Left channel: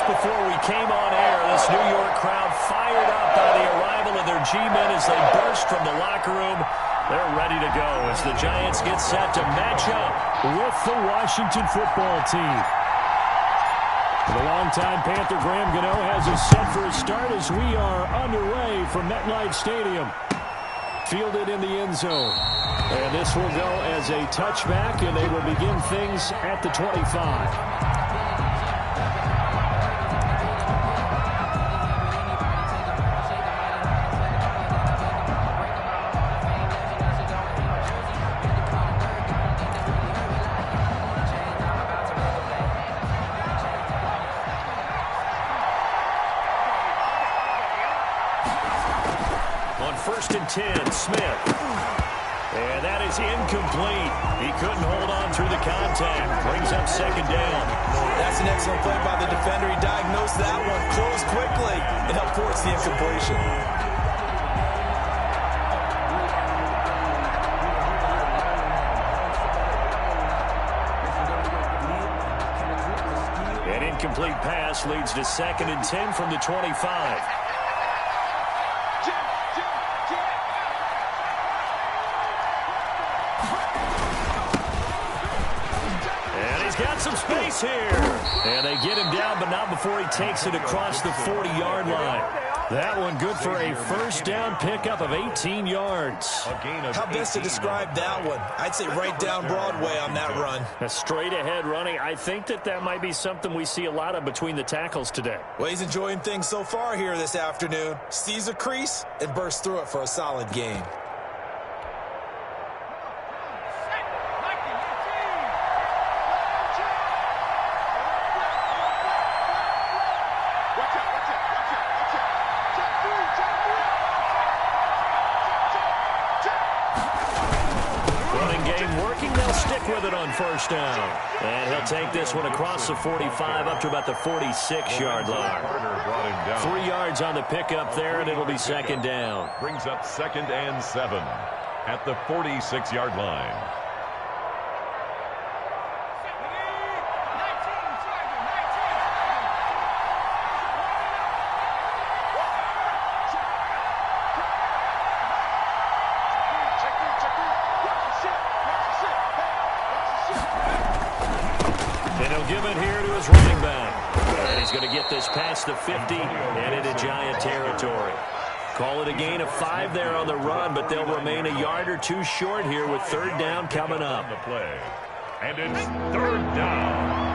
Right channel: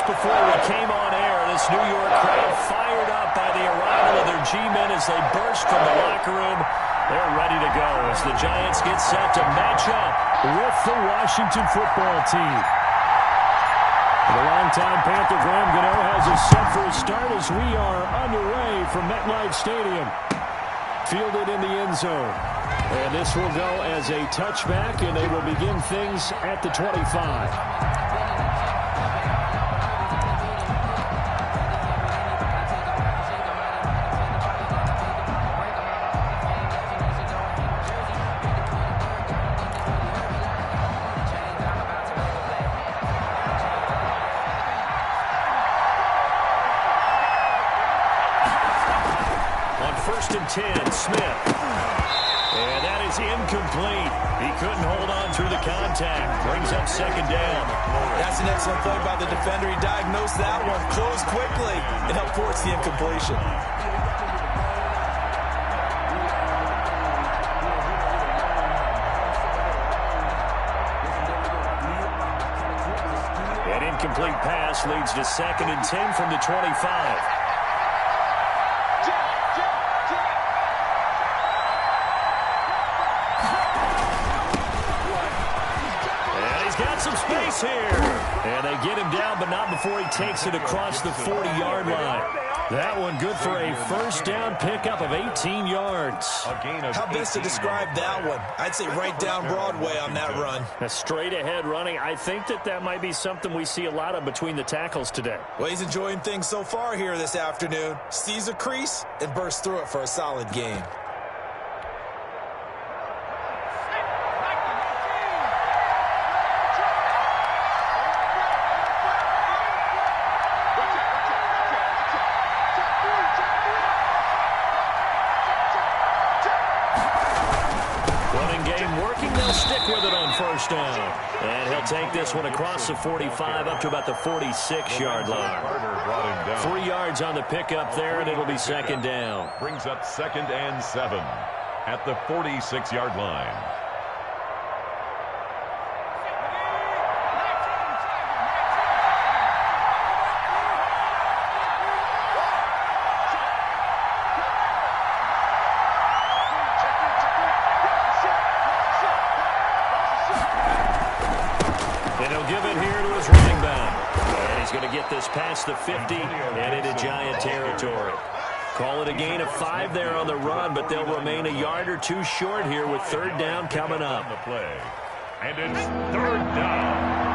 just before we came on air, this New York crowd fired up by the arrival of their G-men as they burst from the locker room. They're ready to go as the Giants get set to match up with the Washington football team. The longtime Panther Graham Gano has us set for a start as we are underway from MetLife Stadium. Fielded in the end zone. And this will go as a touchback, and they will begin things at the 25. On 1st and 10, Smith. And that is incomplete. He couldn't hold on through the contact. Brings up 2nd down. That's an excellent play by the defender. He diagnosed that one, closed quickly, and helped force the incompletion. An incomplete pass leads to 2nd and 10 from the 25. Got some space here. And they get him down, but not before he takes it across the 40-yard line. That one good for a 1st down pickup of 18 yards. How best to describe that one? I'd say right down Broadway on that run. A straight-ahead running. I think that might be something we see a lot of between the tackles today. Well, he's enjoying things so far here this afternoon. Sees a crease and bursts through it for a solid gain. With it on 1st down. And he'll take this one across the 45 up to about the 46-yard line. 3 yards on the pickup there, and it'll be 2nd down. Brings up 2nd and 7 at the 46-yard line. And he'll give it here to his running back. And he's going to get this past the 50 and into Giant territory. Call it a gain of 5 there on the run, but they'll remain a yard or 2 short here with 3rd down coming up. And it's 3rd down.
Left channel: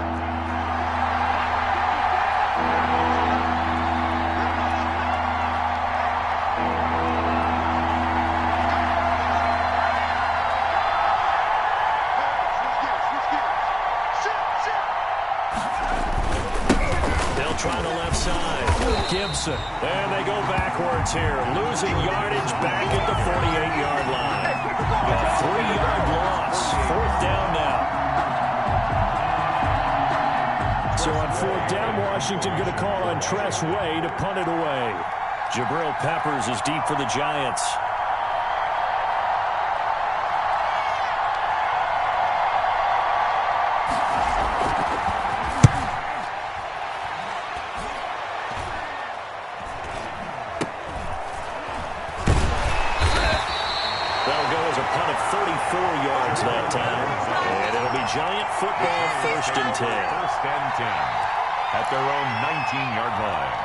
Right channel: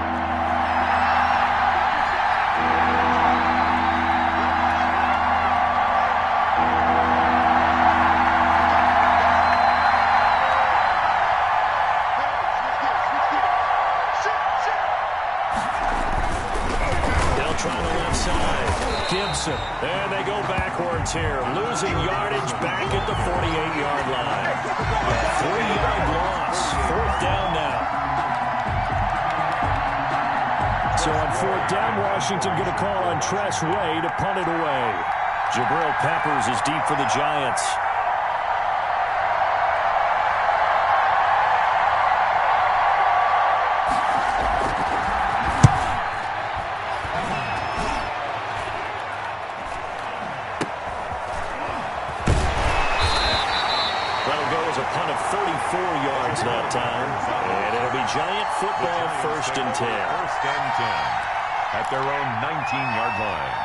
Trying the left side. Gibson. And they go backwards here. Losing yardage back at the 48-yard line. A 3-yard loss. 4th down now. So on 4th down, Washington going to call on Tress Way to punt it away. Jabril Peppers is deep for the Giants. A punt of 34 yards that time. And it'll be Giant football 1st and 10. 1st and 10 at their own 19-yard line.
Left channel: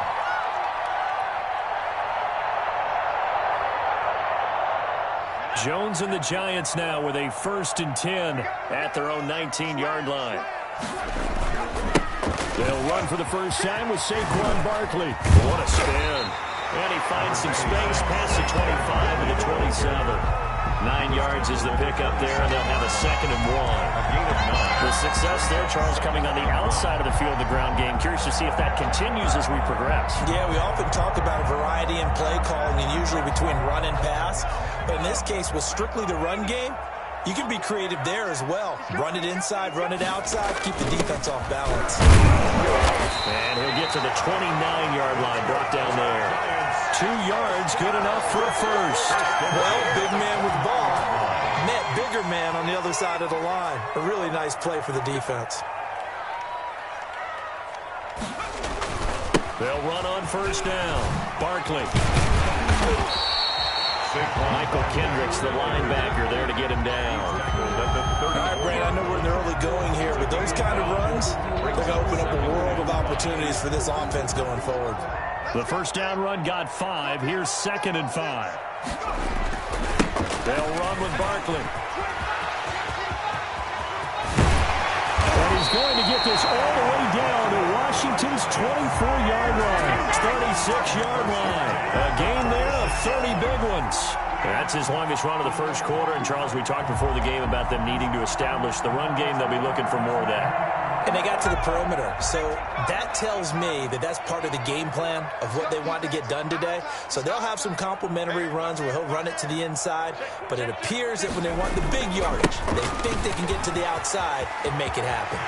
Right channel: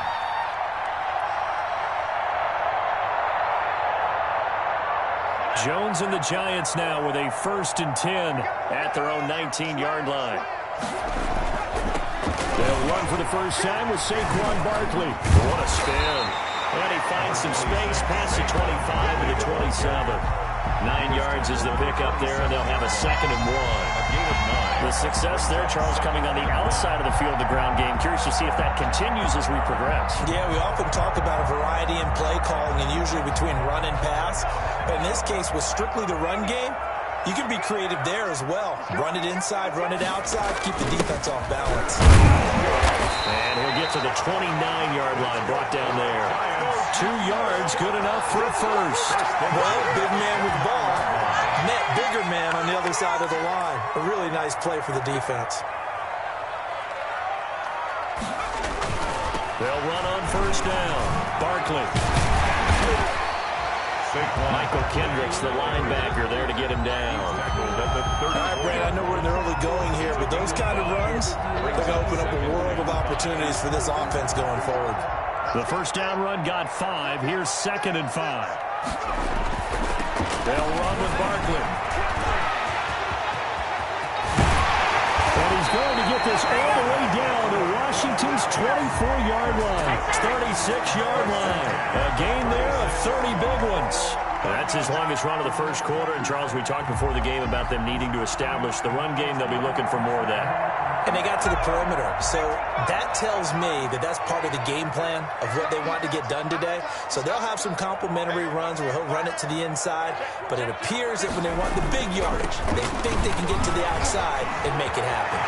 Jones and the Giants now with a 1st and 10 at their own 19-yard line. They'll run for the first time with Saquon Barkley. What a spin. And he finds some space past the 25 and the 27. 9 yards is the pickup there, and they'll have a 2nd and 1. A gain of 9. The success there, Charles, coming on the outside of the field, the ground game. Curious to see if that continues as we progress. Yeah, we often talk about a variety in play calling, and usually between run and pass. But in this case, with strictly the run game, you can be creative there as well. Run it inside, run it outside, keep the defense off balance. And he'll get to the 29-yard line, brought down there. 2 yards, good enough for a first. Well, big man with the ball. Net bigger man on the other side of the line. A really nice play for the defense. They'll run on first down. Barkley. Michael Kendricks, the linebacker, there to get him down. All right, Brad, I know we're in the early going here, but those kind of runs, they're going to open up a world of opportunities for this offense going forward. The first down run got 5. Here's 2nd and 5. They'll run with Barkley. And he's going to get this all the way down to Washington's 24-yard line. 36-yard line. A gain there of 30 big ones. That's his longest run of the first quarter. And, Charles, we talked before the game about them needing to establish the run game. They'll be looking for more of that. And they got to the perimeter. So that tells me that that's part of the game plan of what they want to get done today. So they'll have some complementary runs where he'll run it to the inside. But it appears that when they want the big yardage, they think they can get to the outside and make it happen.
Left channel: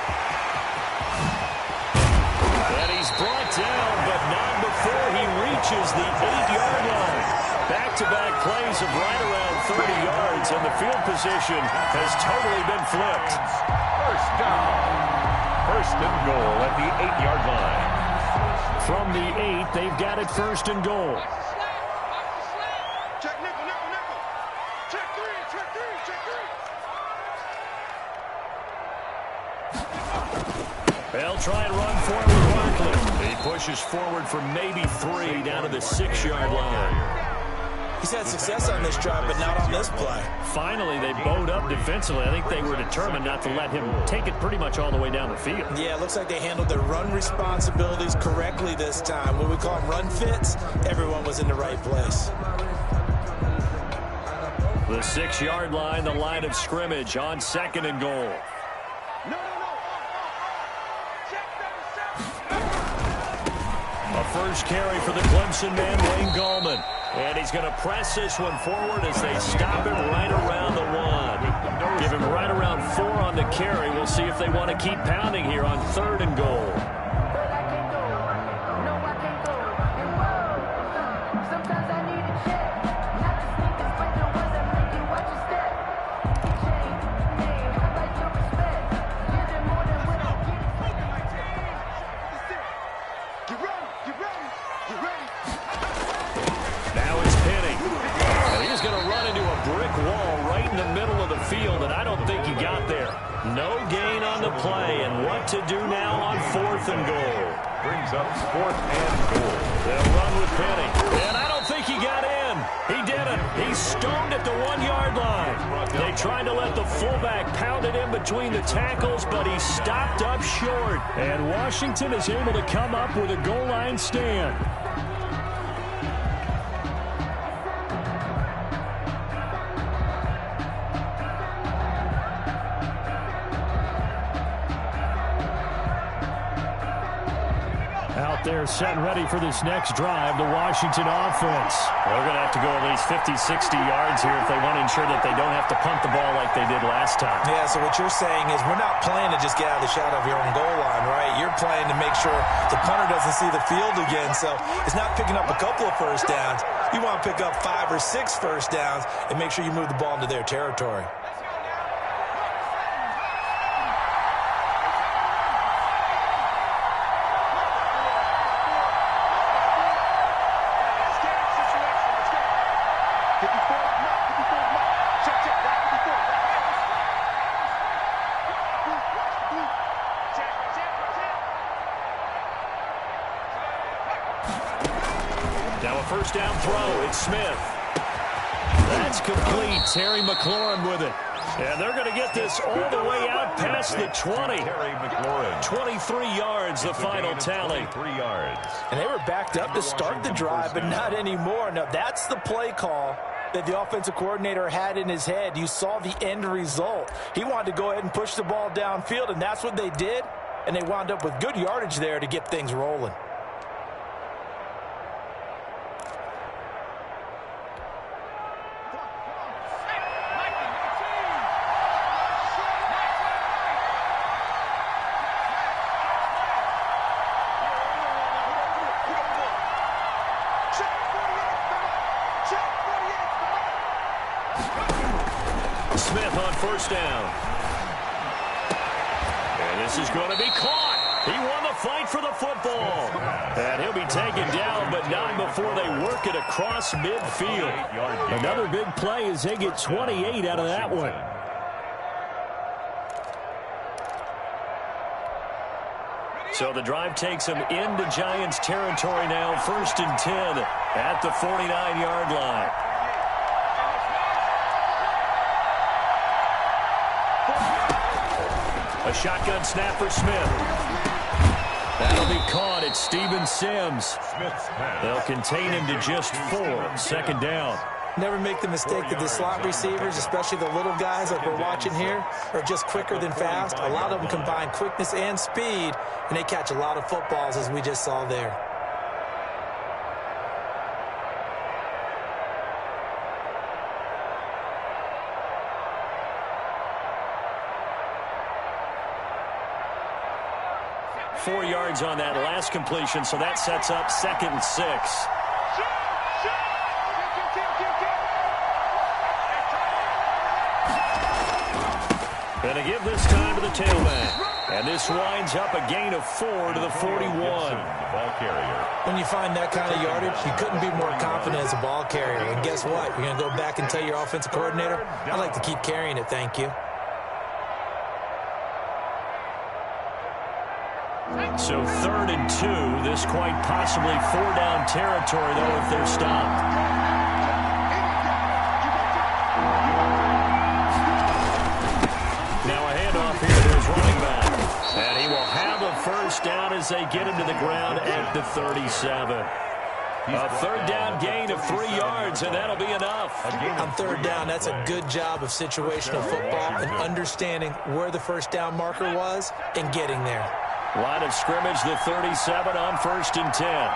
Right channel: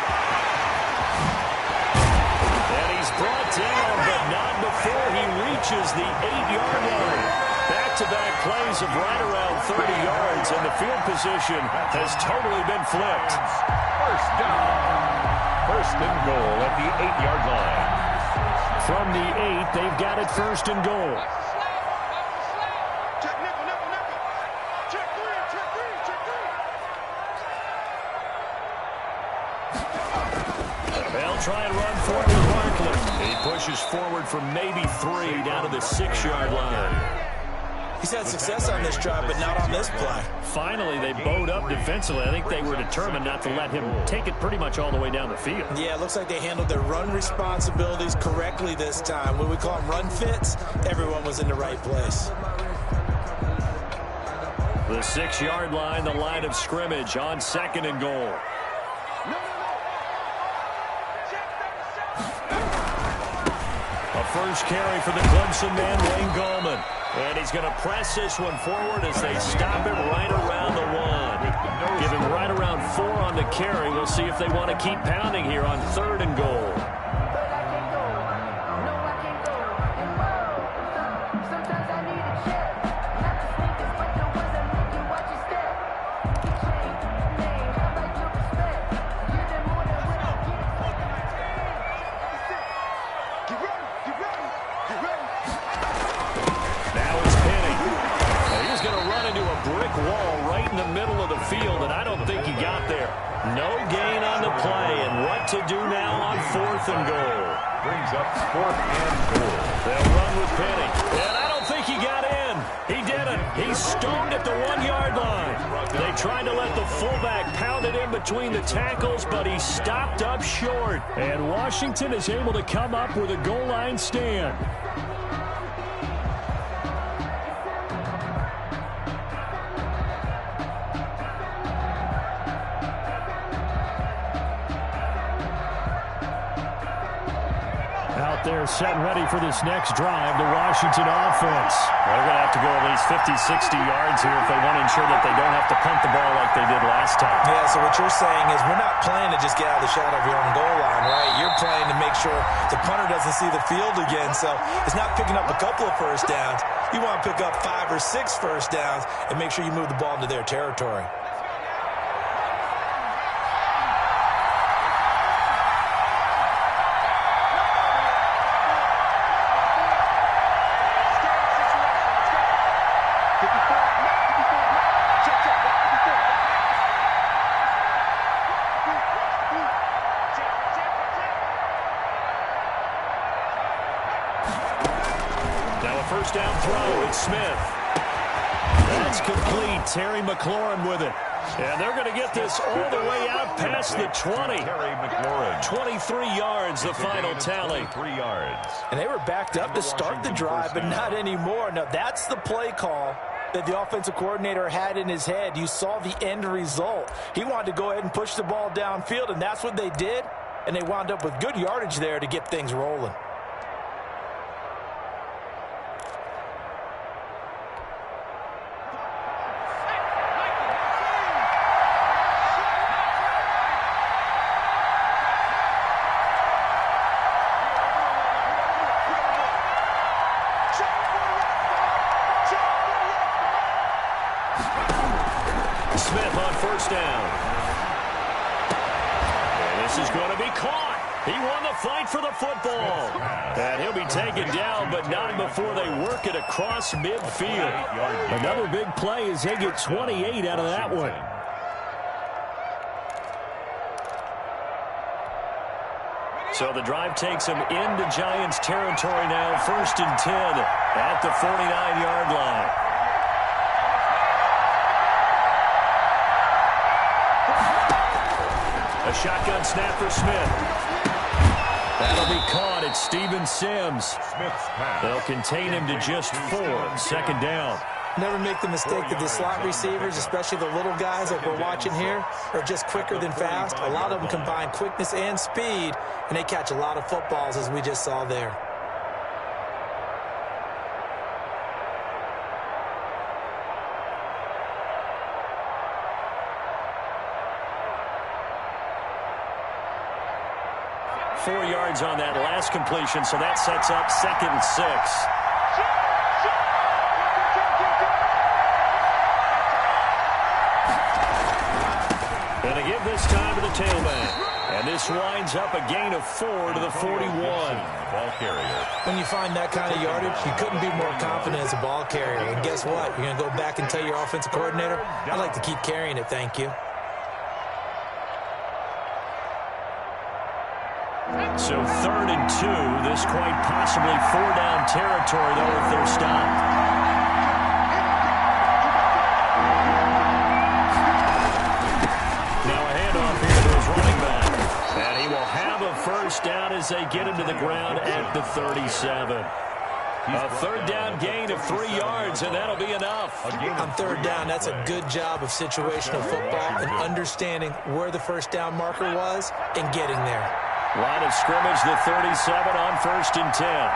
And he's brought down, but not before he reaches the 8-yard line. Back-to-back plays of right around 30 yards, and the field position has totally been flipped. First down. First and goal at the 8-yard line. From the 8, they've got it first and goal. Check nickel, nickel, nickel. Check 3, check 3, check 3. They'll try and run for it with Barkley. He pushes forward for maybe 3 down to the 6-yard line. He's had success on this drive, but not on this play. Finally, they bowed up defensively. I think they were determined not to let him take it pretty much all the way down the field. Yeah, it looks like they handled their run responsibilities correctly this time. When we call them run fits, everyone was in the right place. The 6-yard line, the line of scrimmage on 2nd and goal. A first carry for the Clemson man, Wayne Gallman. And he's going to press this one forward as they stop him right around the 1. Give him right around 4 on the carry. We'll see if they want to keep pounding here on 3rd and goal. Wall right in the middle of the field, and I don't think he got there. No gain on the play, and what to do now on 4th and goal. Brings up 4th and goal. They'll run with Penny, and I don't think he got in. He didn't. He's stoned at the 1-yard line. They tried to let the fullback pound it in between the tackles, but he stopped up short. And Washington is able to come up with a goal line stand. Out there set and ready for this next drive, the Washington offense. They're going to have to go at least 50, 60 yards here if they want to ensure that they don't have to punt the ball like they did last time. Yeah, so what you're saying is we're not playing to just get out of the shadow of your own goal line, right? You're playing to make sure the punter doesn't see the field again. So it's not picking up a couple of first downs. You want to pick up 5 or 6 first downs and make sure you move the ball into their territory. Now a first down throw. It's Smith. That's complete. Terry McLaurin with it. And they're going to get this all the way out past the 20. Terry McLaurin. 23 yards, the final tally. 23 yards. And they were backed up to start the drive, but not anymore. Now, that's the play call that the offensive coordinator had in his head. You saw the end result. He wanted to go ahead and push the ball downfield, and that's what they did. And they wound up with good yardage there to get things rolling. Smith on first down. And this is going to be caught. He won the fight for the football. And he'll be taken down, but not before they work it across midfield. Another big play as they get 28 out of that one. So the drive takes them into Giants territory now, 1st and 10 at the 49-yard line. A shotgun snap for Smith. That'll be caught at Steven Sims. They'll contain him to just 4. 2nd down. Never make the mistake that the slot receivers, especially the little guys like we're watching here, are just quicker than fast. A lot of them combine quickness and speed, and they catch a lot of footballs, as we just saw there. Four yards on that last completion, so that sets up 2nd and 6. And a give this time to the tailback. And this winds up a gain of 4 to the 41. The ball carrier. When you find that kind of yardage, you couldn't be more confident as a ball carrier. And guess what? You're going to go back and tell your offensive coordinator, I'd like to keep carrying it, thank you. So 3rd and 2. This quite possibly 4-down territory, though, if they're stopped. And he will have a 1st down as they get him to the ground at the 37. A 3rd down gain of 3 yards, and that'll be enough. On 3rd down, that's a good job of situational football and understanding where the 1st down marker was and getting there. Line of scrimmage, the 37 on 1st and 10.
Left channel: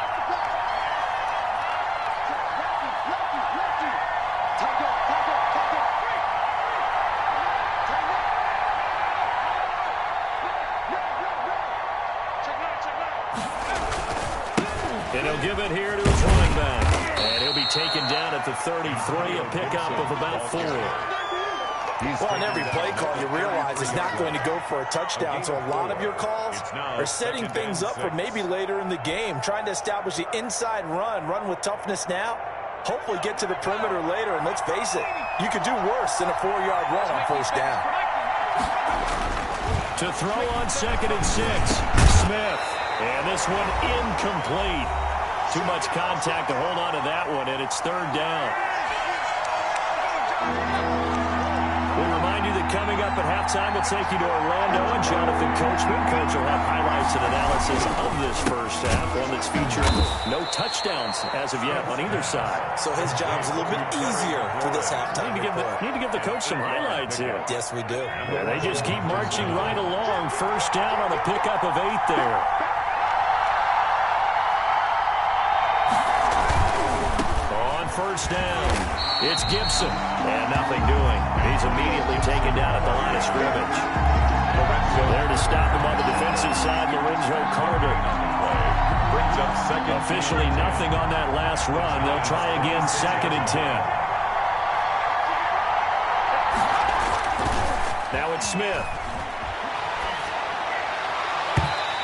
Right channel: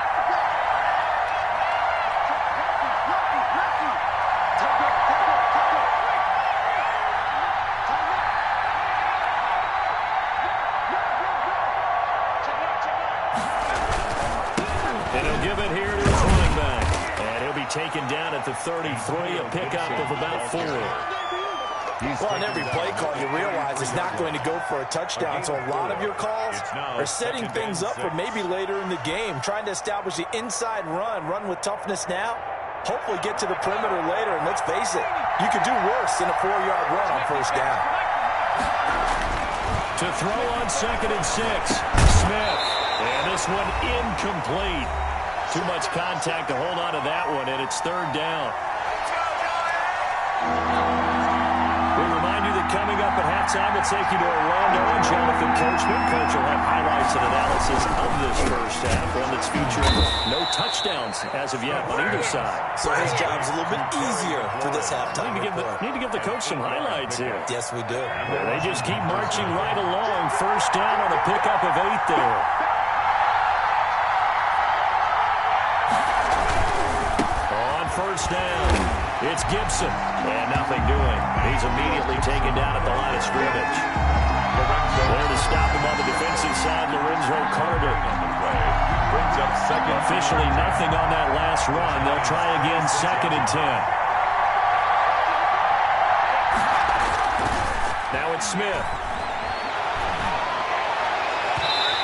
And he'll give it here to his running back. And he'll be taken down at the 33, a pickup of about 4. Well, on every play call, you realize it's not going to go for a touchdown, so a lot of your calls are setting things up for maybe later in the game, trying to establish the inside run with toughness now, hopefully get to the perimeter later, and let's face it, you could do worse than a 4-yard run on 1st down. To throw on 2nd and 6, Smith. And this one incomplete. Too much contact to hold on to that one, and it's 3rd down. We remind you that coming up at halftime, we'll take you to Orlando and Jonathan Coachman. Coach will have highlights and analysis of this 1st half, one that's featuring no touchdowns as of yet on either side. So his job's a little bit easier for this halftime. Need to give the coach some highlights here. Yes, we do. Yeah, they just keep marching right along. 1st down on a pickup of 8 there. On 1st down, it's Gibson, and nothing doing. He's immediately taken down at the line of scrimmage. There to stop him on the defensive side, Lorenzo Carter. Brings up 2nd. Officially nothing on that last run. They'll try again 2nd and 10. Now it's Smith.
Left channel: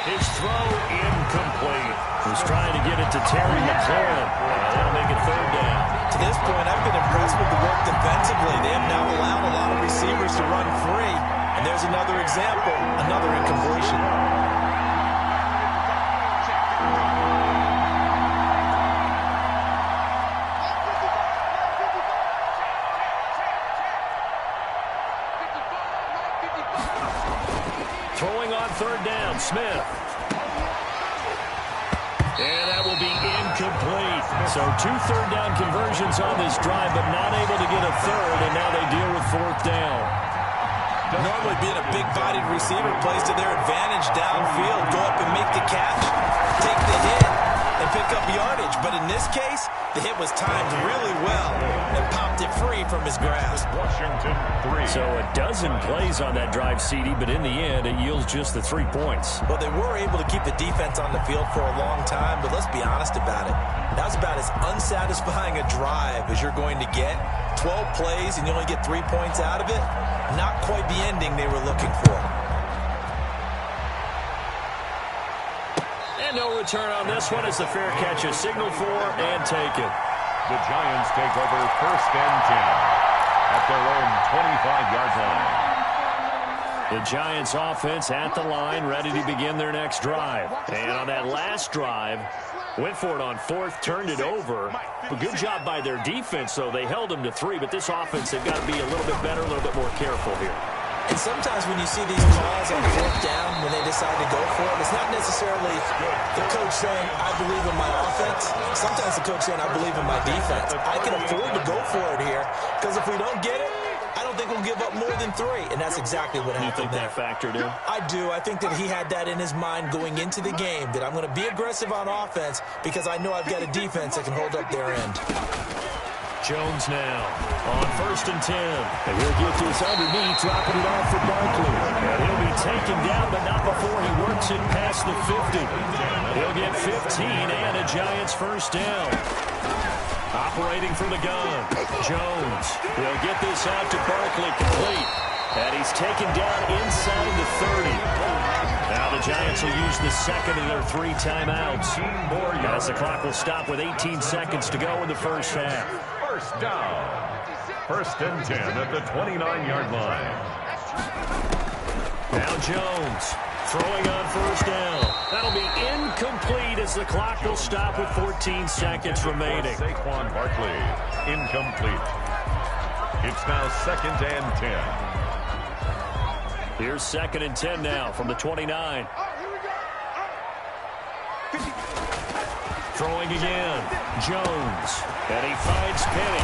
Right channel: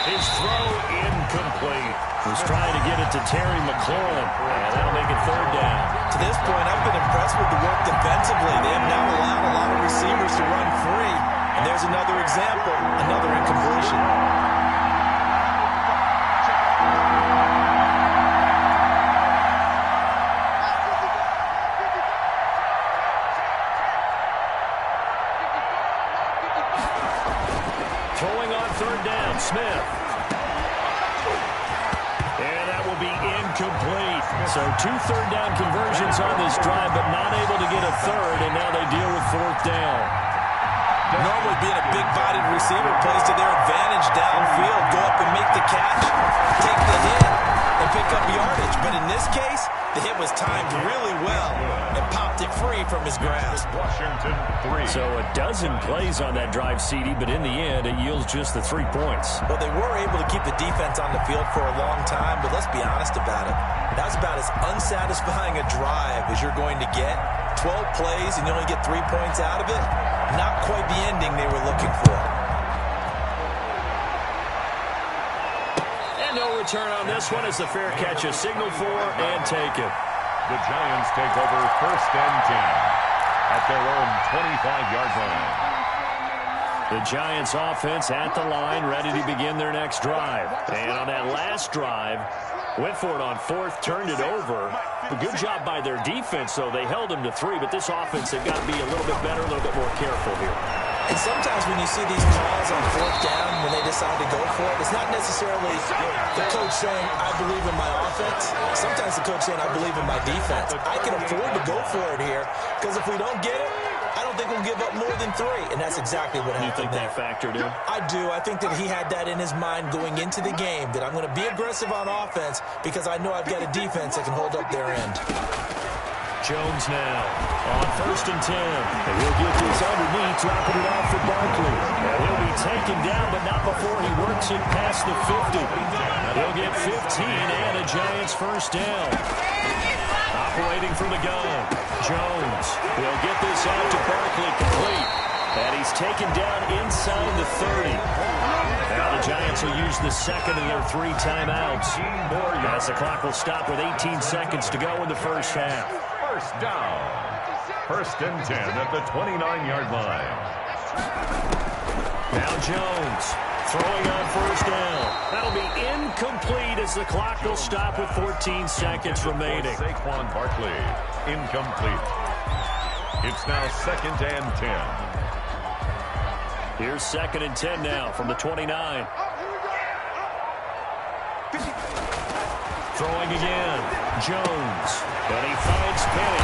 His throw incomplete. Was trying to get it to Terry McLaurin, and that'll make it 3rd down. To this point, I've been impressed with the work defensively. They have now allowed a lot of receivers to run free, and there's another example, another incompletion. Throwing on 3rd down, Smith. And that will be incomplete. So 2 3rd-down conversions on this drive, but not able to get a 3rd, and now they deal with 4th down. Normally being a big-bodied receiver plays to their advantage downfield. Go up and make the catch, take the hit, and pick up yardage. But in this case, the hit was timed really well and popped it free from his grasp. Washington 3. So a dozen plays on that drive, CD, but in the end, it yields just the 3 points. Well, they were able to keep the defense on the field for a long time, but let's be honest about it. That was about as unsatisfying a drive as you're going to get. 12 plays and you only get 3 points out of it. Not quite the ending they were looking for. And no return on this one as the fair catch is signaled for and taken. The Giants take over 1st and 10 at their own 25-yard line. The Giants offense at the line, ready to begin their next drive. And on that last drive, went for it on 4th, turned it over. A good job by their defense, though. They held them to 3, but this offense, they've got to be a little bit better, a little bit more careful here. And sometimes when you see these calls on 4th down, when they decide to go for it, it's not necessarily the coach saying, I believe in my offense. Sometimes the coach saying, I believe in my defense. I can afford to go for it here, because if we don't get it, I don't think we'll give up more than 3. And that's exactly what happened. You think that factored in? I do. I think that he had that in his mind going into the game, that I'm going to be aggressive on offense because I know I've got a defense that can hold up their end. Jones now on 1st and 10. And he'll get this underneath, dropping it off for Barkley. And he'll be taken down, but not before he works it past the 50. He'll get 15 and a Giants 1st down. Operating from the gun, Jones. He'll get this out to Barkley, complete. And he's taken down inside the 30. Now the Giants will use the second of their 3 timeouts. As the clock will stop with 18 seconds to go in the first half. 1st down. 1st and 10 at the 29-yard line. Now Jones throwing on 1st down. That'll be incomplete as the clock will stop with 14 seconds remaining. Saquon Barkley, incomplete. It's now 2nd and 10. Here's 2nd and 10 now from the 29. Throwing again, Jones. And he finds Penny.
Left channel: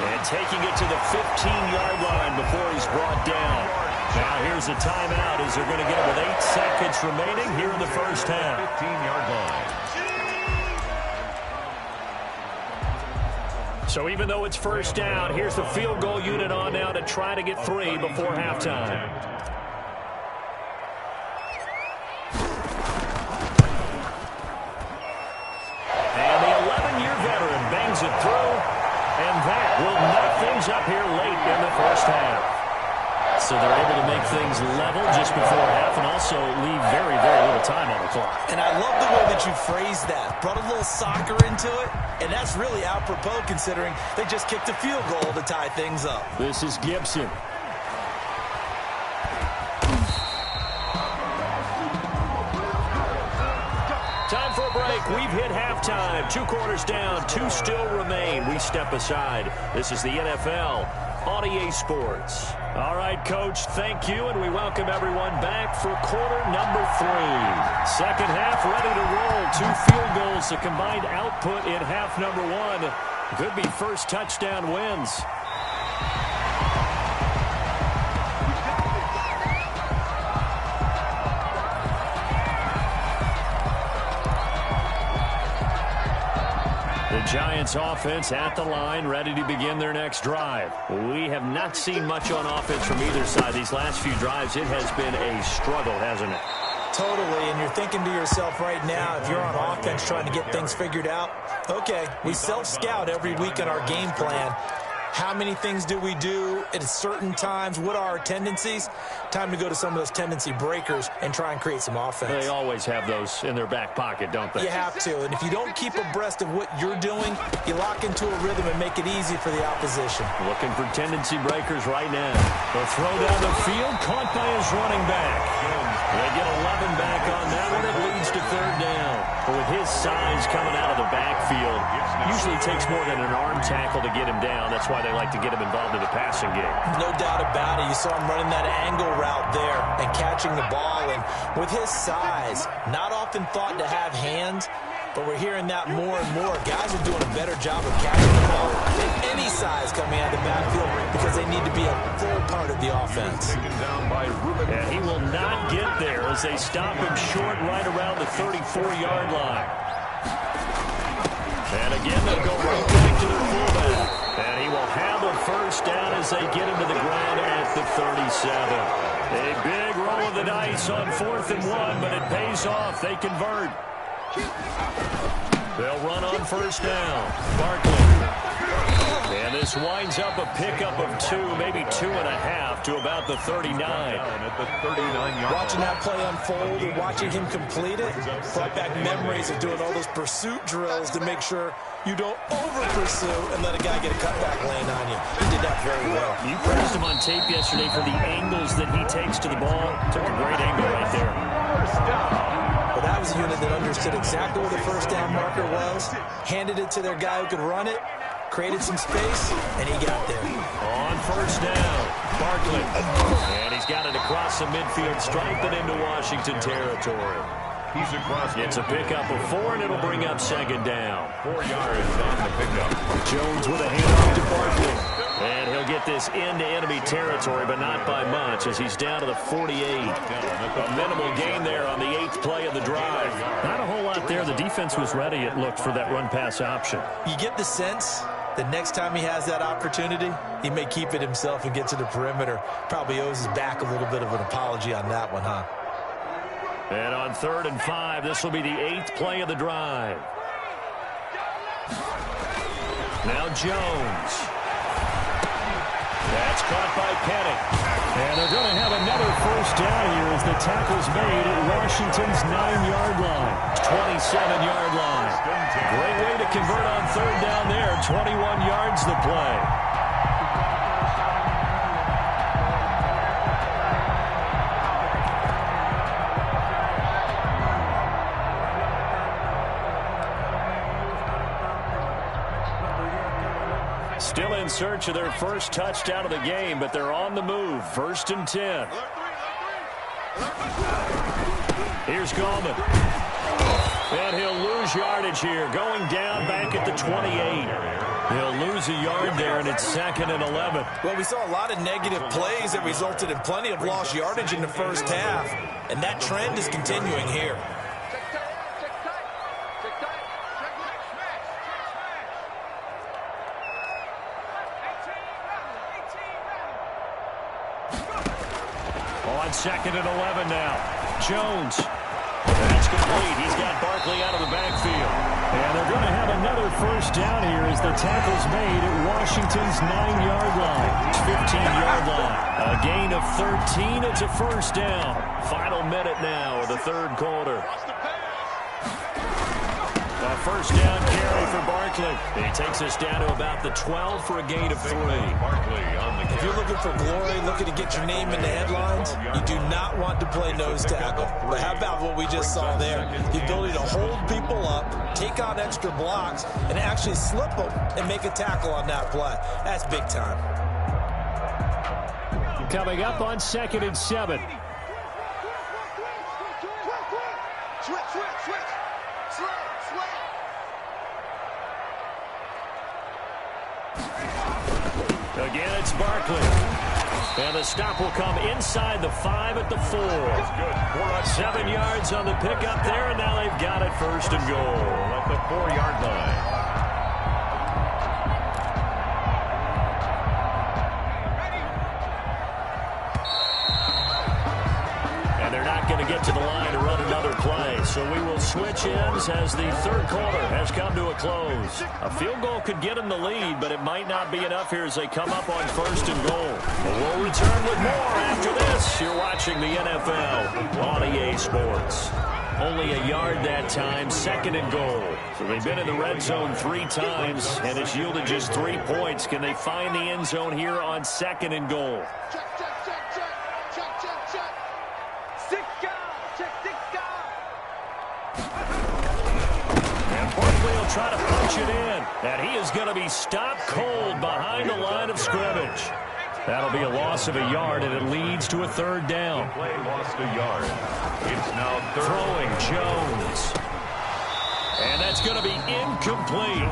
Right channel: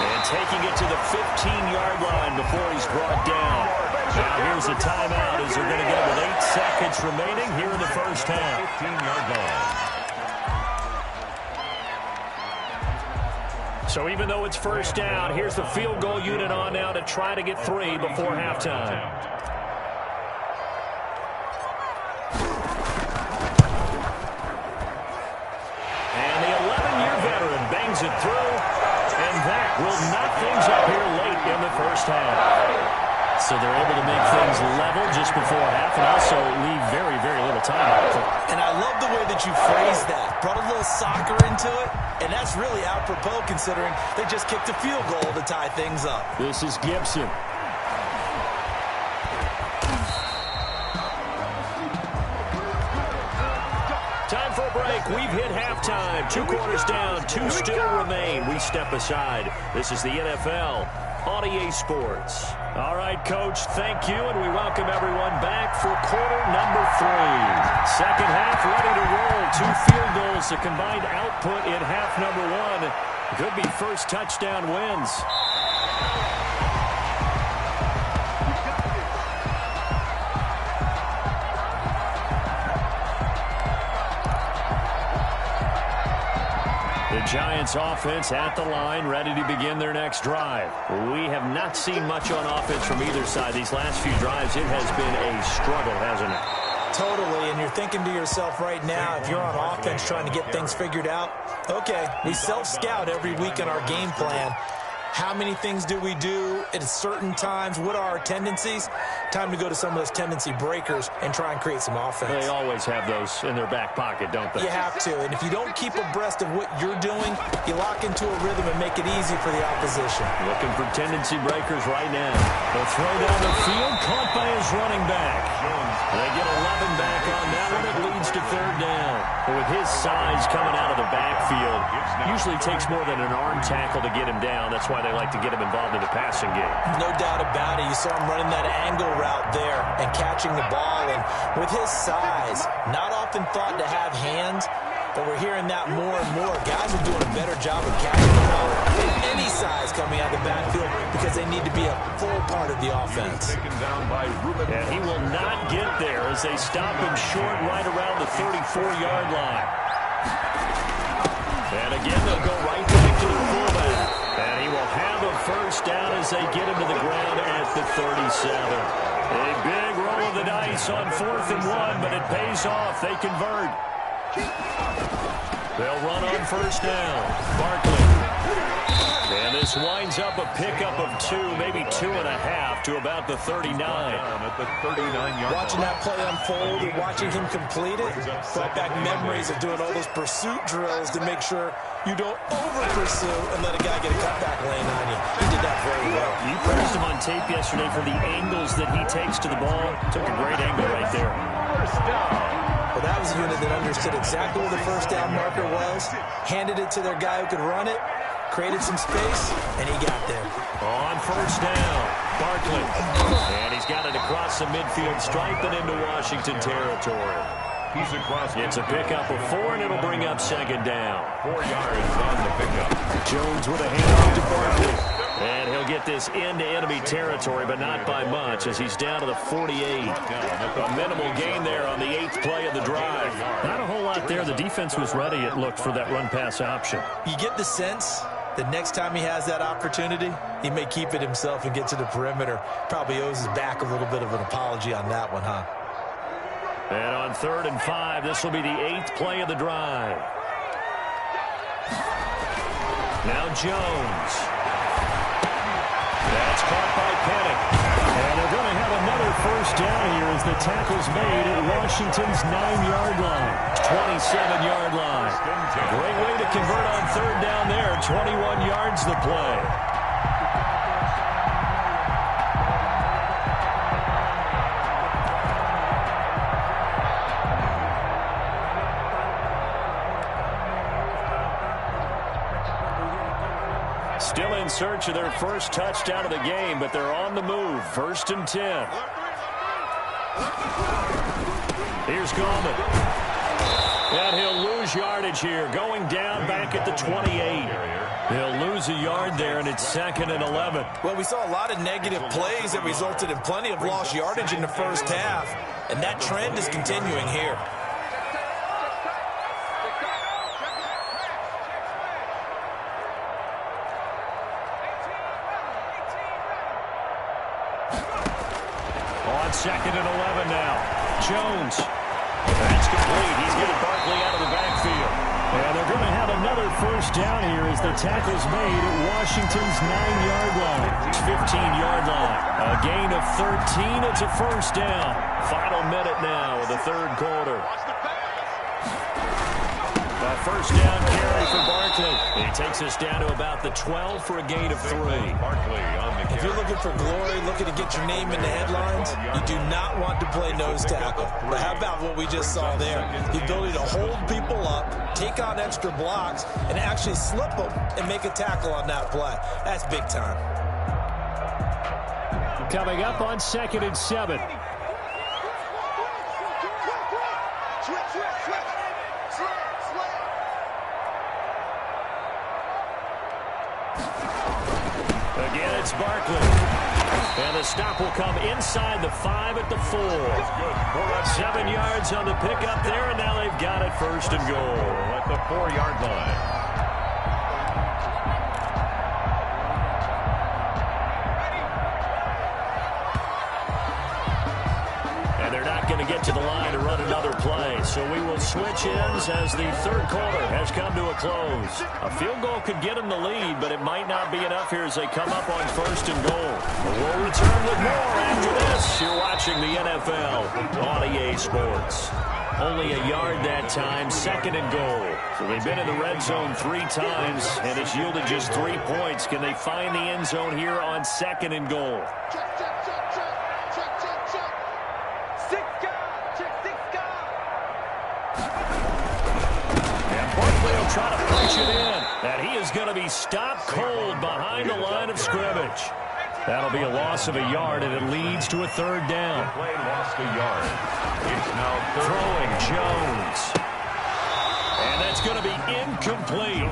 And taking it to the 15-yard line before he's brought down. Now here's a timeout as they're going to get it with 8 seconds remaining here in the first half. 15-yard line. So even though it's 1st down, here's the field goal unit on now to try to get 3 before halftime. And the 11-year veteran bangs it through, and that will knock things up here late in the first half. So they're able to make things level just before half and also leave very, very little time on the clock. And I love the way that you phrased that. Brought a little soccer into it, and that's really apropos considering they just kicked a field goal to tie things up. This is Gibson. Time for a break. We've hit halftime. 2 quarters down, 2 still remain. We step aside. This is the NFL on EA Sports. All right, Coach, thank you, and we welcome everyone back for quarter number 3. Second half ready to roll. 2 field goals, the combined output in half number 1. Could be first touchdown wins. The Giants offense at the line, ready to begin their next drive. We have not seen much on offense from either side. These last few drives, it has been a struggle, hasn't it? Totally, and you're thinking to yourself right now, if you're on offense trying to get things figured out, okay, we self-scout every week in our game plan. How many things do we do at certain times? What are our tendencies? Time to go to some of those tendency breakers and try and create some offense. They always have those in their back pocket, don't they? You have to, and if you don't keep abreast of what you're doing, you lock into a rhythm and make it easy for the opposition. Looking for tendency breakers right now. The throw down the field, caught by his running back. They get 11 back on that one. It leads to 3rd down. But with his size coming out of the backfield, usually takes more than an arm tackle to get him down. That's why they like to get him involved in the passing game. No doubt about it. You saw him running that angle route there and catching the ball. And with his size, not often thought to have hands, but we're hearing that more and more. Guys are doing a better job of catching the ball than any size coming out of the backfield because they need to be a full part of the offense. And he will not get there as they stop him short right around the 34-yard line. And again, they'll go right back to their fullback. And he will have a first down as they get him to the ground at the 37. A big roll of the dice on 4th and 1, but it pays off. They convert. They'll run on first down. Barkley. And this winds up a pickup of 2, maybe 2.5 to about the 39. At the 39-yard Watching that play unfold and watching him complete it brought back memories of doing all those pursuit drills to make sure you don't over-pursue and let a guy get a cutback lane on you. He did that very well. You praised him on tape yesterday for the angles that he takes to the ball. Took a great angle right there. First down. But that was a unit that understood exactly where the first down marker was, handed it to their guy who could run it, created some space, and he got there. On first down, Barkley. And he's got it across the midfield stripe and into Washington territory. He's across. It's a pickup of 4, and it'll bring up second down. 4 yards on the pickup. Jones with a handoff to Barkley. And he'll get this into enemy territory, but not by much, as he's down to the 48. A minimal gain there on the 8th play of the drive. Not a whole lot there. The defense was ready, it looked, for that run-pass option. You get the sense the next time he has that opportunity, he may keep it himself and get to the perimeter. Probably owes his back a little bit of an apology on that one, huh? And on 3rd and 5, this will be the 8th play of the drive. Now Jones. That's caught by Penning. And they're going to have another first down here as the tackle's made at Washington's 9-yard line. 27-yard line. Great way to convert on 3rd down there. 21 yards the play. Still in search of their first touchdown of the game, but they're on the move. 1st and 10. Here's Gallman. And he'll lose yardage here, going down back at the 28. He'll lose a yard there, and it's 2nd and 11. Well, we saw a lot of negative plays that resulted in plenty of lost yardage in the first half, and that trend is continuing here. On 2nd and 11 now. Jones. That's complete. He's got Barkley out of the backfield. And they're going to have another first down here as the tackle's made at Washington's 9-yard line. It's 15-yard line. A gain of 13. It's a first down. Final minute now of the 3rd quarter. A first down carry for Barkley. He takes us down to about the 12 for a gain of 3. Barkley on the carry. If you're looking for glory, looking to get your name in the headlines, you do not want to play nose tackle. But how about what we just saw there? The ability to hold people up, take on extra blocks, and actually slip them and make a tackle on that play. That's big time. Coming up on 2nd and 7. Again, it's Barkley. And the stop will come inside the 5 at the 4. 7 yards on the pickup there, and now they've got it 1st and goal. At the 4-yard line. And they're not going to get to the line to run another play. So we will switch ends as the 3rd quarter has come to a close. A field goal could get them the lead, but it might not be enough here as they come up on 1st and goal. But we'll return with more after this. You're watching the NFL on EA Sports. Only a yard that time, 2nd and goal. So they've been in the red zone 3 times, and it's yielded just 3 points. Can they find the end zone here on 2nd and goal? Check, check, check, check. Check, check, check. And Barkley will try to punch it in. And he is going to be stopped cold behind the line of scrimmage. That'll be a loss of a yard, and it leads to a 3rd down. The play lost a yard. It's now 3rd. Throwing Jones. And that's going to be incomplete.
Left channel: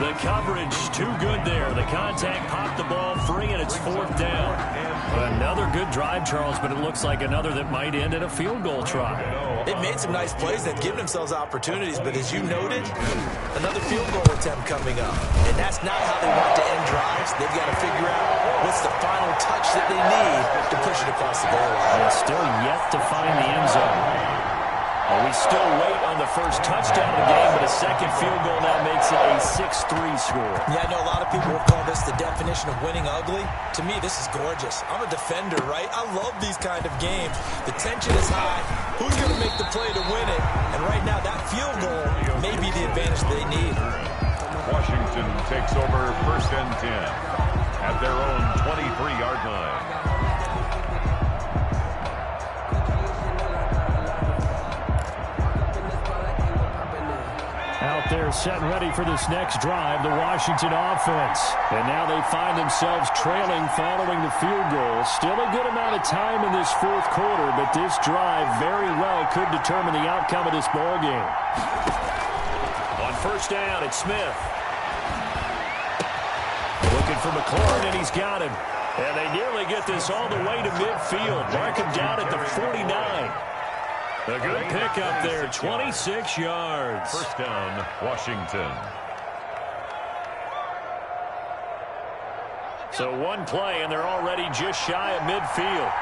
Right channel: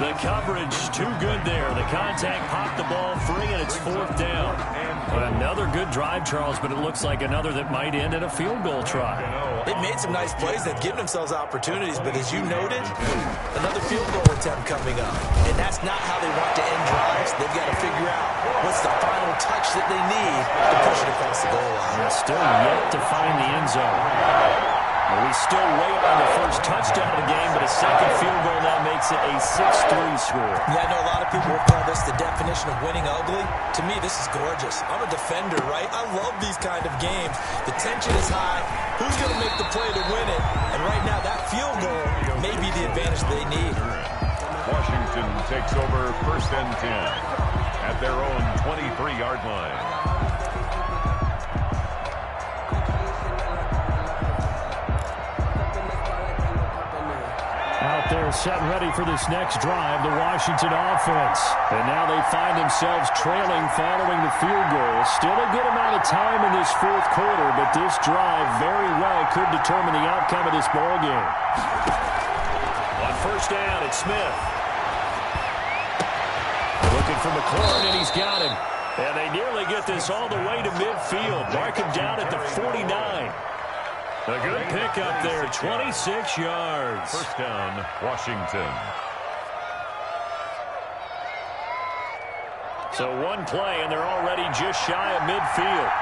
The coverage too good there. The contact popped the ball free, and it's 4th down. Another good drive, Charles, but it looks like another that might end in a field goal try. They've made some nice plays. They've given themselves opportunities, but as you noted, another field goal attempt coming up. And that's not how they want to end drives. They've got to figure out what's the final touch that they need to push it across the goal line. Still yet to find the end zone. Well, we still wait on the first touchdown of the game, but a second field goal now makes it a 6-3 score. Yeah, I know a lot of people would call this the definition of winning ugly. To me, this is gorgeous. I'm a defender, right? I love these kind of games. The tension is high. Who's going to make the play to win it? And right now, that field goal may be the advantage they need. Washington takes over 1st and 10 at their own 23-yard line. Out there set and ready for this next drive, the Washington offense. And now they find themselves trailing following the field goal. Still a good amount of time in this fourth quarter, but this drive very well could determine the outcome of this ball game. On first down, it's Smith. Looking for McLaurin, and he's got him. And they nearly get this all the way to midfield. Mark him down at the 49. A good pickup there, 26 yards. First down, Washington. So one play, and they're already just shy of midfield.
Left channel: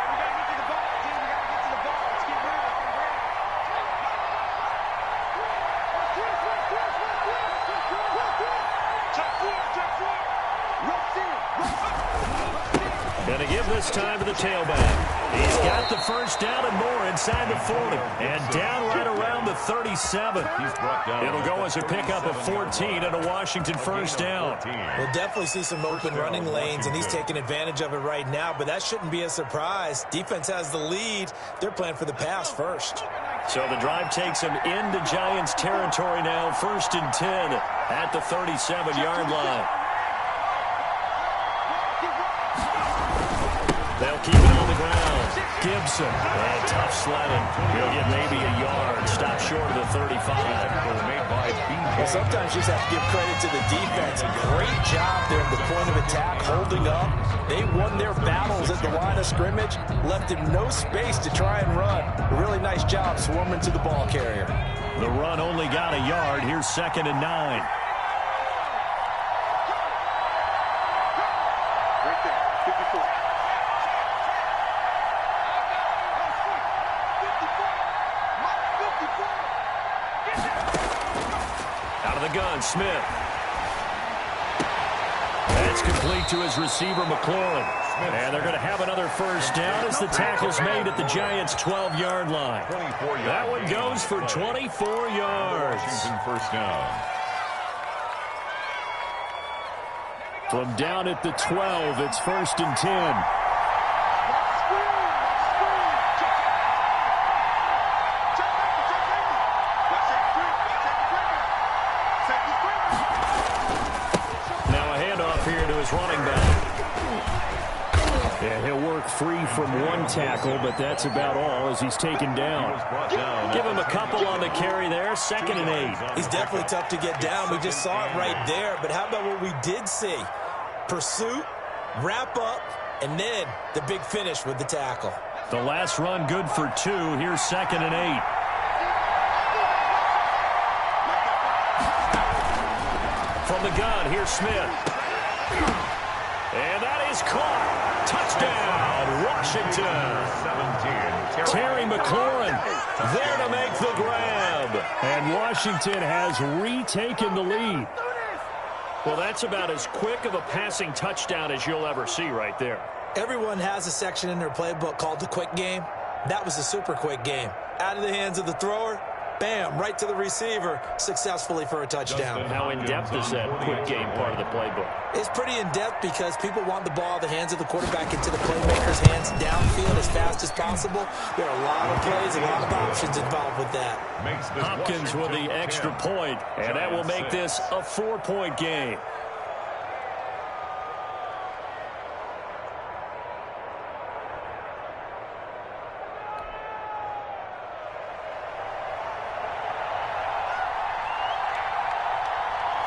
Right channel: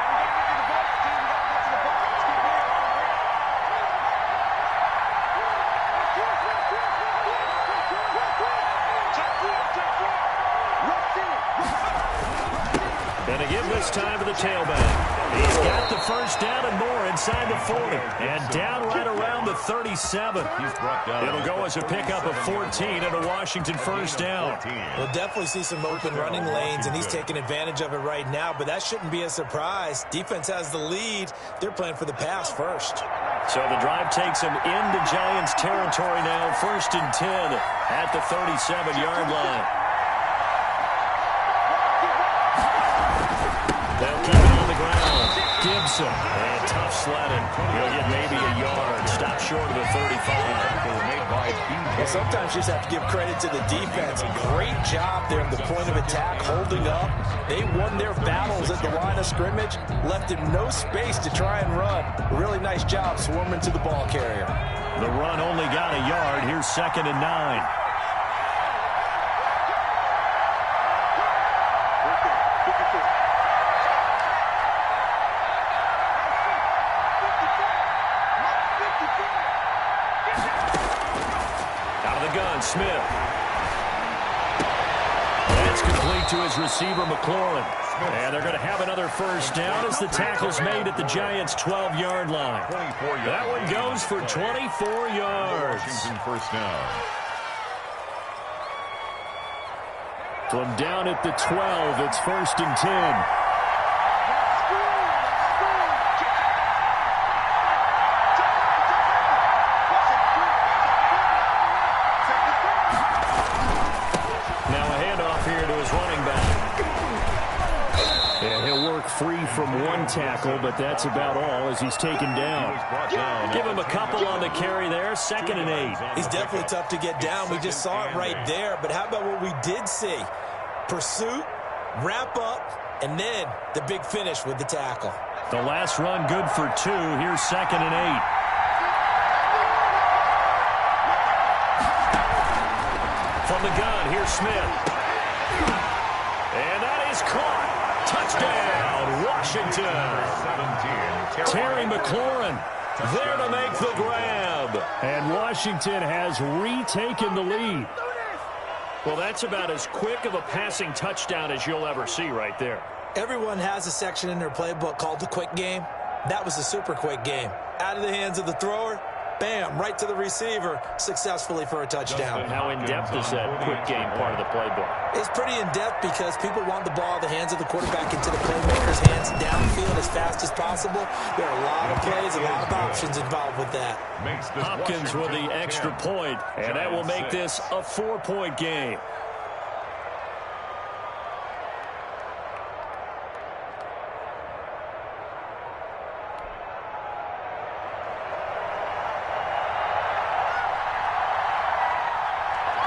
Going to give this time to the tailback. He's got the first down and more inside the 40. And down right around the 37. It'll go as a pickup of 14 and a Washington first down. We'll definitely see some open running lanes, and he's taking advantage of it right now, but that shouldn't be a surprise. Defense has the lead. They're playing for the pass first. So the drive takes him into Giants territory now. 1st and 10 at the 37-yard line. They'll keep it on the ground. Gibson. And tough sledding. He'll get maybe a yard. Stop short of the 35. Well, sometimes you just have to give credit to the defense. Great job there at the point of attack, holding up. They won their battles at the line of scrimmage, left him no space to try and run. A really nice job swarming to the ball carrier. The run only got a yard. Here's 2nd and 9. Out of the gun, Smith. That's complete to his receiver, McLaurin. And they're going to have another first down as the tackle's made at the Giants' 12-yard line. That one goes for 24 yards. Washington first down. From down at the 12, it's 1st and 10. Here to his running back. And he'll work free from one tackle, but that's about all as he's taken down. Give him a couple on the carry there. 2nd and 8. He's definitely tough to get down. We just saw it right there. But how about what we did see? Pursuit, wrap up, and then the big finish with the tackle. The last run good for 2. Here's 2nd and 8. From the gun, here's Smith. And that is caught. Touchdown, Washington. 17. Terry McLaurin there to make the grab. And Washington has retaken the lead. Well, that's about as quick of a passing touchdown as you'll ever see right there. Everyone has a section in their playbook called the quick game. That was a super quick game. Out of the hands of the thrower, bam, right to the receiver, successfully for a touchdown. How in-depth is that quick game part of the playbook? It's pretty in-depth because people want the ball out of the hands of the quarterback into the playmaker's hands downfield as fast as possible. There are a lot of plays, a lot of options involved with that. Hopkins with the extra point, and that will make this a 4-point game.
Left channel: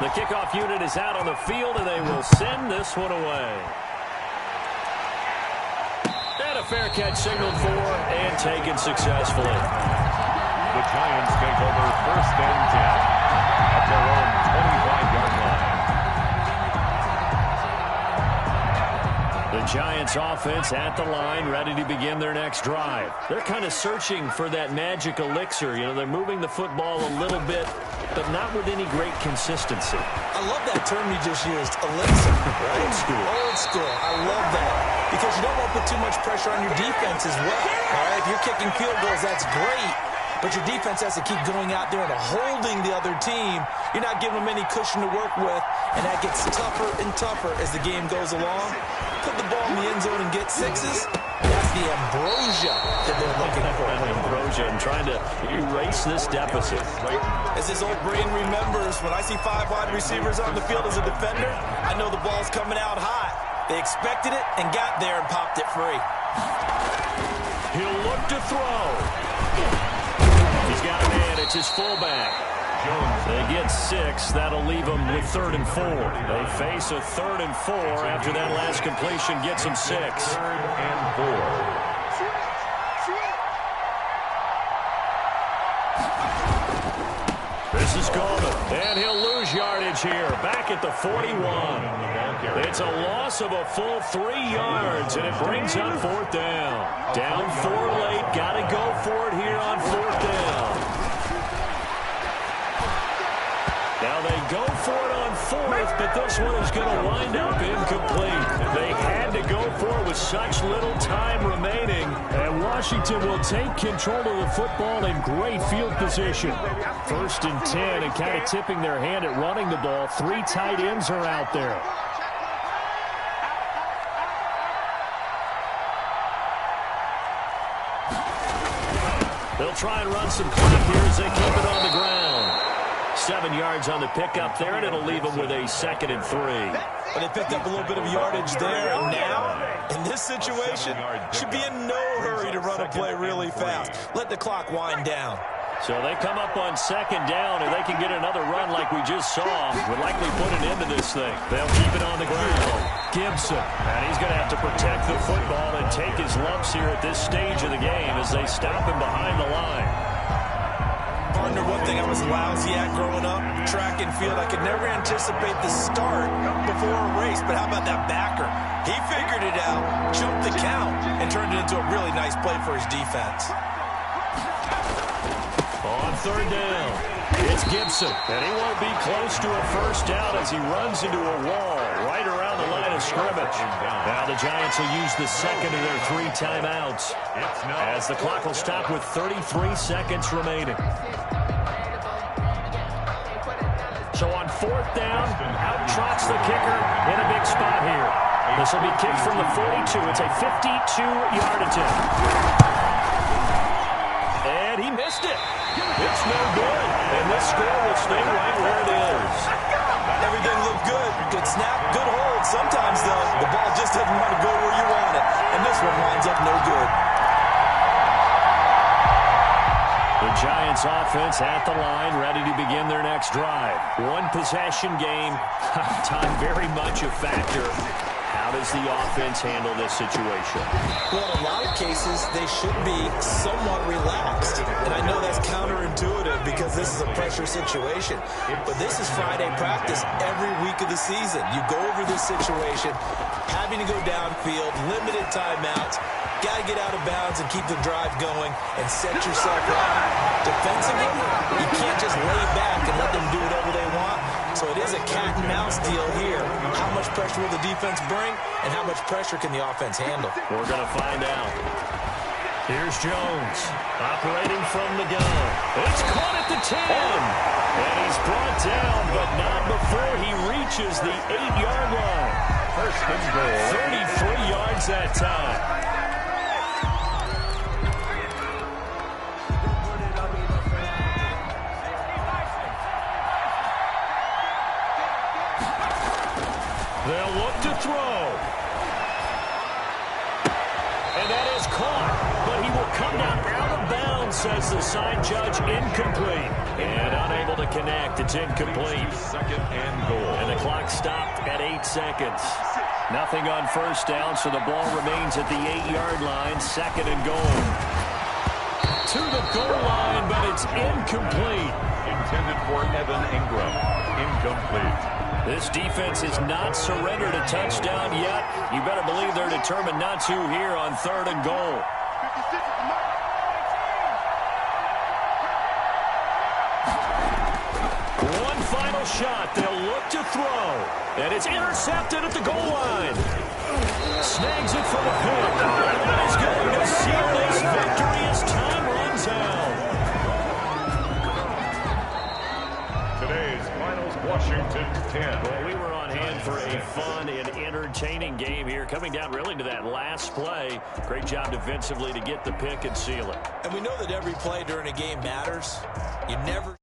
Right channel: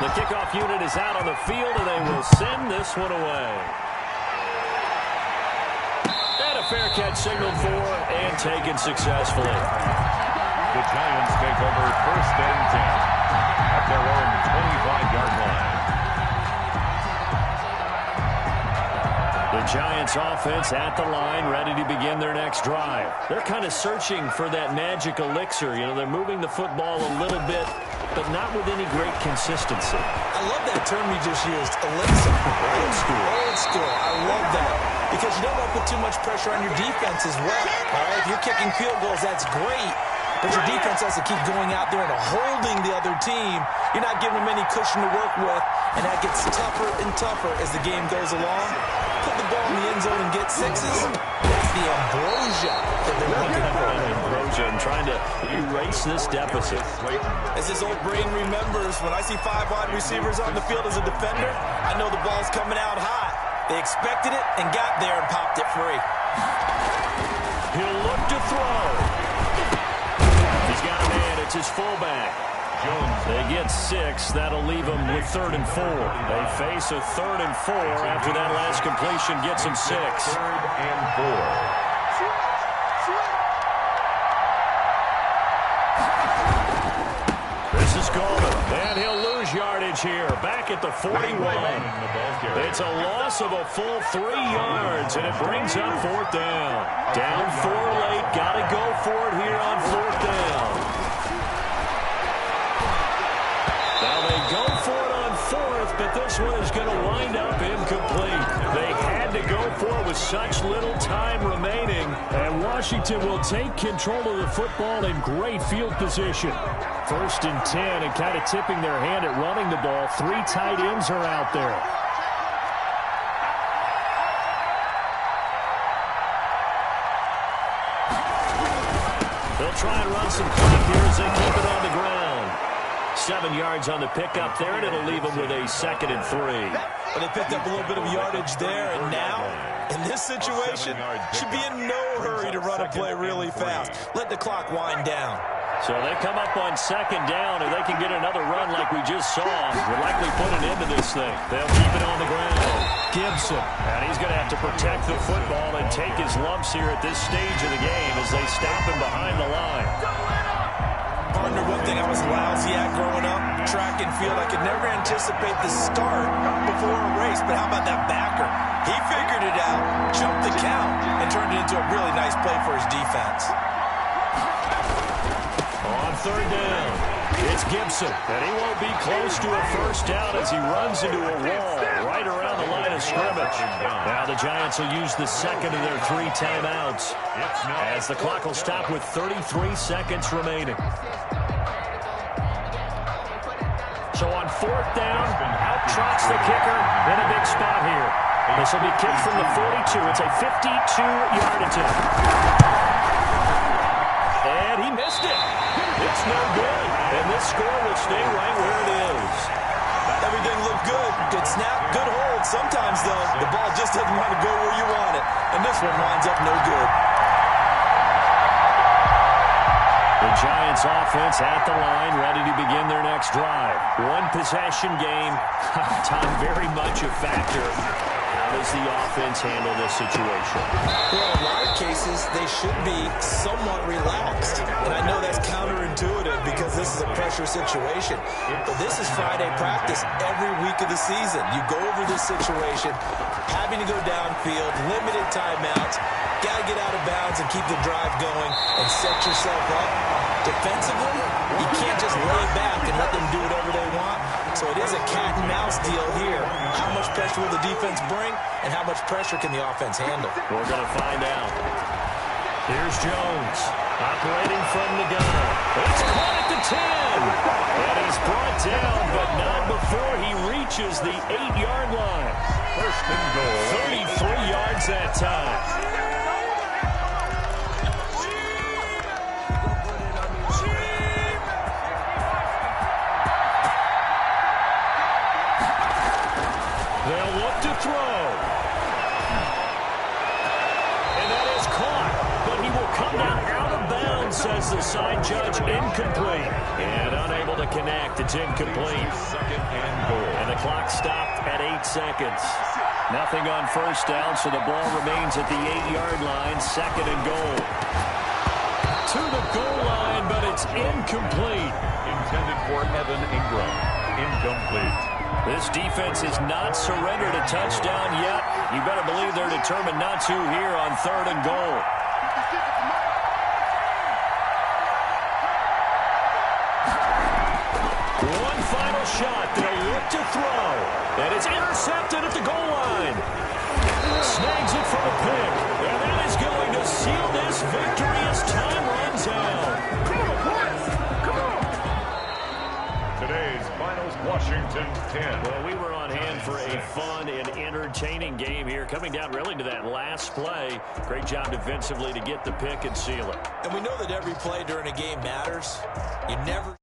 The kickoff unit is out on the field, and they will send this one away. And a fair catch signaled for and taken successfully. The Giants take over 1st and 10 at their own 25-yard line. The Giants offense at the line, ready to begin their next drive. They're kind of searching for that magic elixir. You know, they're moving the football a little bit, but not with any great consistency. I love that term you just used, elixir, right? Old school. Old school. I love that because you don't want to put too much pressure on your defense as well. All right, if you're kicking field goals, that's great. But your defense has to keep going out there and holding the other team. You're not giving them any cushion to work with, and that gets tougher and tougher as the game goes along. Put the ball in the end zone and get sixes. That's the ambrosia that they're looking for. Ambrosia and trying to erase this deficit. As this old brain remembers, when I see 5 wide receivers on the field as a defender, I know the ball's coming out hot. They expected it and got there and popped it free. He'll look to throw. He's got a man. It's his fullback. They get 6. That'll leave them with 3rd and 4. They face a 3rd and 4 after that last completion gets them 6. 3rd and 4. This is Goldman, and he'll lose yardage here. Back at the 41. It's a loss of a full 3 yards, and it brings up 4th down. Down 4 late. Got to go for it here on 4th down. Now they go for it on 4th, but this one is going to wind up incomplete. They had to go for it with such little time remaining. And Washington will take control of the football in great field position. 1st and 10, and kind of tipping their hand at running the ball. 3 tight ends are out there. They'll try and run some clock here as they keep it on the ground. 7 yards on the pickup there, and it'll leave them with a 2nd and 3. But they picked up a little bit of yardage there, and now, in this situation, should be in no hurry to run a play really fast. Let the clock wind down. So they come up on 2nd down, and they can get another run like we just saw. Would likely put an end to this thing. They'll keep it on the ground. Gibson, and he's going to have to protect the football and take his lumps here at this stage of the game as they stop him behind the line. Partner, one thing I was lousy at growing up, track and field, I could never anticipate the start before a race, but how about that backer? He figured it out, jumped the count, and turned it into a really nice play for his defense. On 3rd down, it's Gibson, and he won't be close to a 1st down as he runs into a wall right around the line of scrimmage. Now the Giants will use the 2nd of their 3 timeouts as the clock will stop with 33 seconds remaining. So on 4th down, out trots the kicker in a big spot here. This will be kicked from the 42. It's a 52-yard attempt. And he missed it. It's no good. And this score will stay right where it is. Everything looked good. Good snap, good hold. Sometimes, though, the ball just doesn't want to go where you want it. And this one winds up no good. The Giants offense at the line, ready to begin their next drive. 1 possession game. Time very much a factor. How does the offense handle this situation? Well, in a lot of cases, they should be somewhat relaxed. And I know that's counterintuitive because this is a pressure situation. But this is Friday practice every week of the season. You go over this situation, having to go downfield, limited timeouts, got to get out of bounds and keep the drive going and set yourself up. Defensively, you can't just lay back and let them do whatever they want. So it is a cat and mouse deal here. How much pressure will the defense bring, and how much pressure can the offense handle? We're going to find out. Here's Jones, operating from the gun. It's caught at the 10. And he's brought down, but not before he reaches the 8-yard line. 1st and goal. 33 yards that time. They'll look to throw. And that is caught, but he will come down out of bounds, says the side judge. Incomplete. And unable to connect. It's incomplete. 2nd and goal. And the clock stopped at 8 seconds. Nothing on 1st down, so the ball remains at the 8-yard line. 2nd and goal. To the goal line, but it's incomplete. Intended for Evan Ingram. incomplete. This defense has not surrendered a touchdown yet. You better believe they're determined not to here on 3rd and goal. One final shot. They'll look to throw. And it's intercepted at the goal line. Snags it for the pick. And that is going to seal this victory as time runs out. Today's finals, Washington 10. Well, we were on hand for a fun and entertaining game here. Coming down really to that last play. Great job defensively to get the pick and seal it. And we know that every play during a game matters. You never...